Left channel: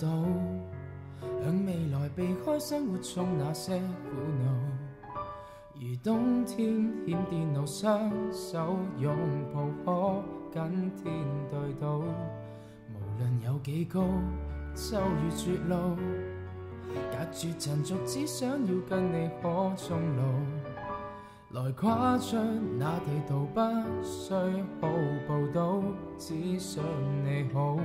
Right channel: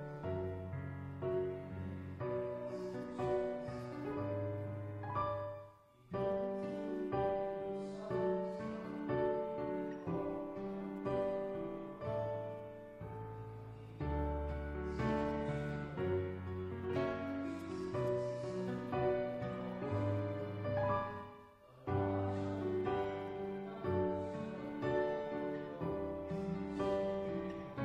到，向未來避開生活中那些苦惱。如冬天欠電腦，雙手擁抱可跟天對到，無論有幾高，就如絕路，隔絕塵俗，只想要跟你可終老，來跨出那地圖，不需好報道，只想你好。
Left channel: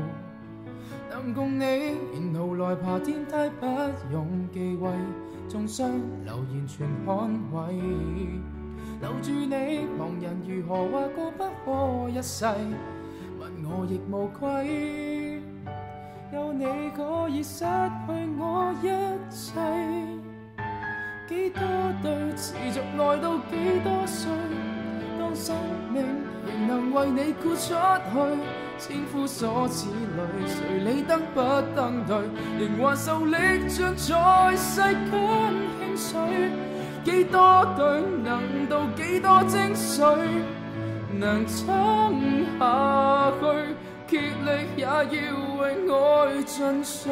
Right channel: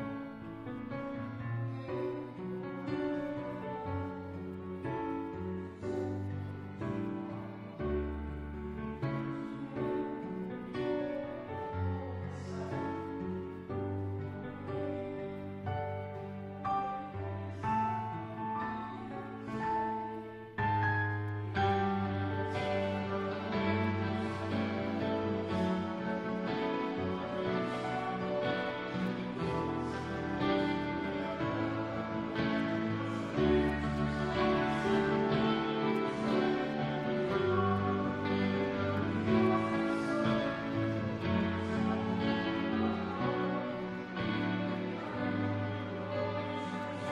能共你沿路來爬天梯，不用忌諱，縱將流言全捍衛。留住你，旁人如何話過不可一世，問我亦無愧。有你可以失去我一切，幾多對持續愛到幾多歲，當生命仍能為你豁出去，千夫所指裏，誰理得不登對，仍還受力盡在世間輕水。幾多對能到幾多精髓，能撐下去，竭力也要為愛盡瘁，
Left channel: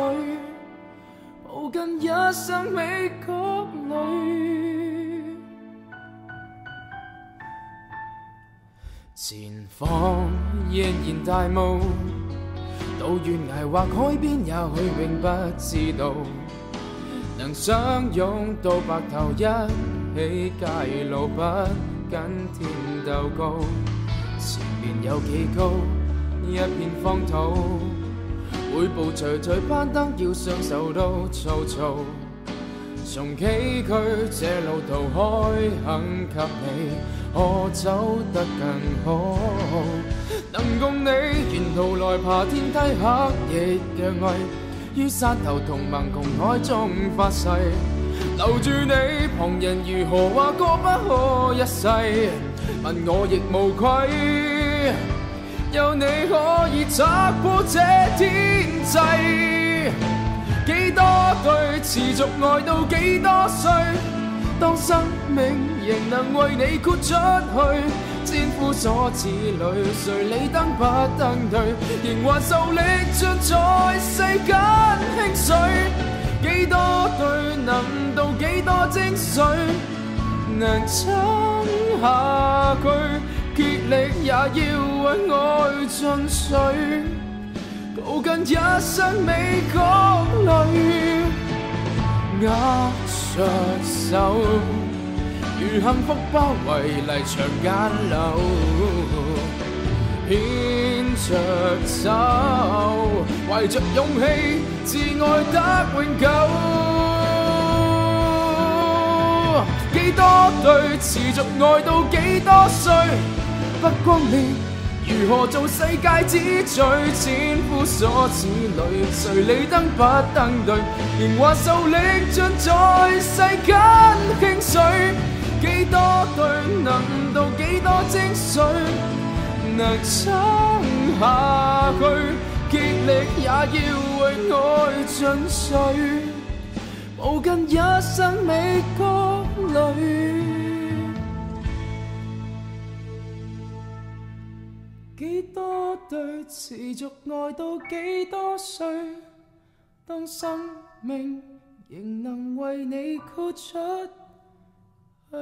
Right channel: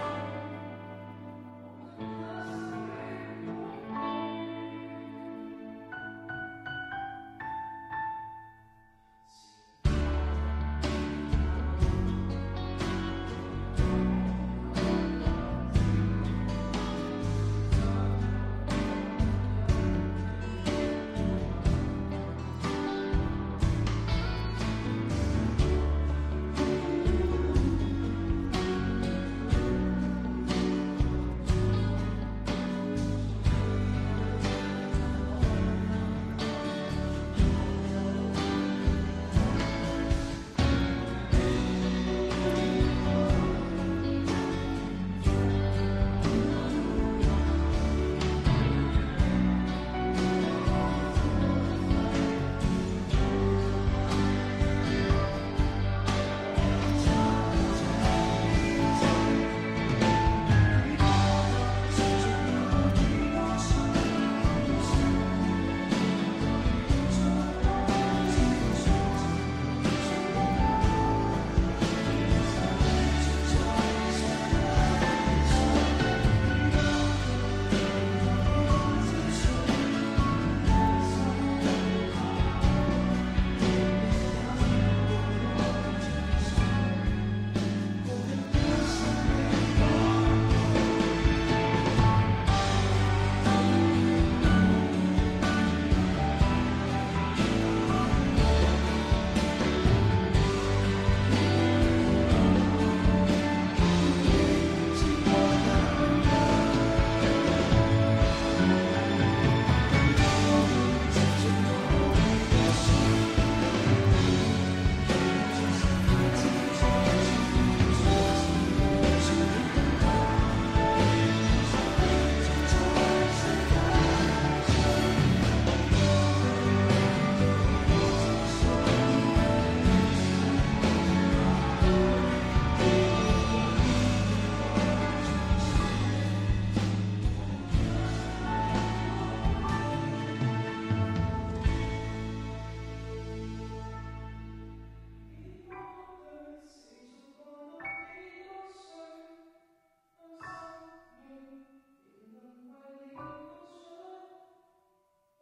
抱緊一生美角裏。前方仍然大霧，到懸崖或海邊也許永不知道，能相擁到白頭一起偕老，不跟天鬥高。前面有幾高，一片荒土，每步徐徐攀登，要雙手都粗糙。從崎嶇這路途開肯給你，可走得更好。能共你沿途來爬天梯，黑夜嘅愛，於山頭同盟共海中發誓。留住你，旁人如何話過不可一世，問我亦無愧。有你可以拆破這天際，幾多對持續愛到幾多歲，當生命仍能為你豁出去，千夫所指裏，誰理登不登對，仍還受力盡在世間輕水。幾多對能到幾多精髓，能撐下去，竭力也要為愛盡瘁，抱緊一生美角裏，握着手，如幸福包圍泥牆間樓，牽着手，懷着勇氣，自愛得永久。幾多對持續愛到幾多歲，不光烈如何做世界之最，千夫所指裏，誰理登不登對，仍還受力盡在世間輕水。幾多對能到幾多精髓，能撐下去，竭力也要為愛盡瘁，抱緊一生美角裏。幾多對持續愛到幾多歲，當生命仍能為你豁出去。